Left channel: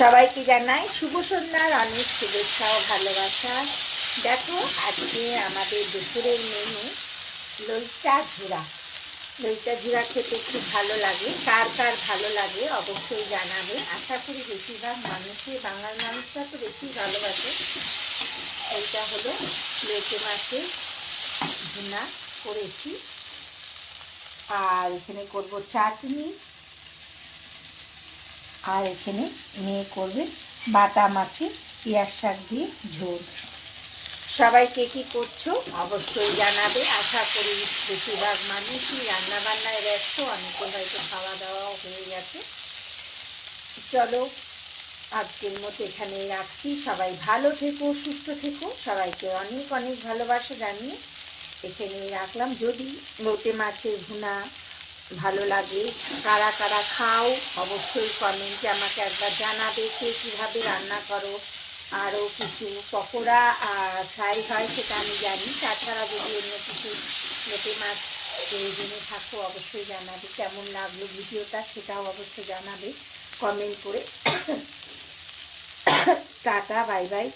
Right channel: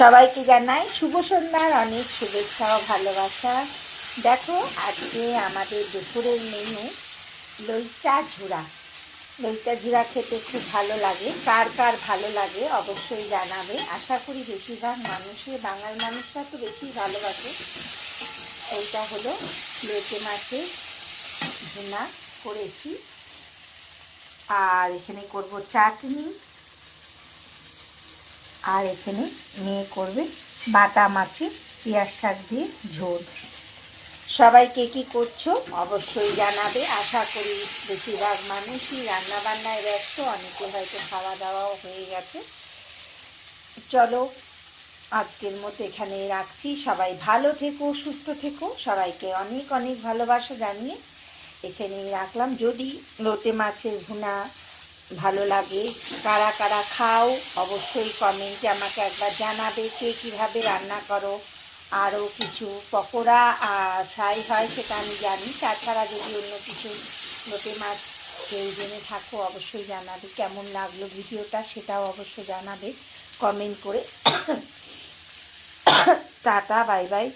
সবাইকে জানাই শুভ সন্ধ্যার অনেক শুভেচ্ছা ও ভালোবাসা। দেখো, আজকে আমাদের দুপুরের মেনু লইটা ঝুরা। লইটা ঝুরা খেতে খুব ভালো লাগে। কার কার ভালো লাগে অবশ্যই জানাবে। আশা করি বেশিরভাগ মানুষই, বাঙাল মানুষরা তো বেশি ভালোবাসে। এইটা হলো লেটে মাছের ভুনা করেছি, আর এখানে করব চাটনি, আর এখানে মেয়ে করবে বাটা মাছের পেঁয়াজ শাক দিয়ে ঝোল। সবাই কে কী করছো অবশ্যই জানাবে। আশা করি বেশিরভাগ মানুষই রান্নাবান্নায় ব্যস্ত, অনেকে হয়তো খাওয়া দাওয়াও হয়ে গেছে। চলো, আজকের মতো এখানেই রাখছি। সবাই ভালো থেকো, সুস্থ থেকো। সবাইকে অনেক অনেক ভালোবাসা জানিয়ে এখানেই রাখলাম। যদি লোটে মাছের ভুনা ভালো লাগে, কারা কারা খাও অবশ্যই কমেন্টে আমাকে একবার জানাবে কে কীভাবে রান্না করো। আরও কিছু পকোড়া আর ফ্রাই হয় সেটা আমি জানি। তাছাড়া যদি অন্য কিছু লোটে মাছ জেনে থাকো অবশ্যই জানাবে। কেমন লাগলো ভিডিওটা সেটাও অবশ্যই জানাবে কমেন্ট করে। Tata, bye bye.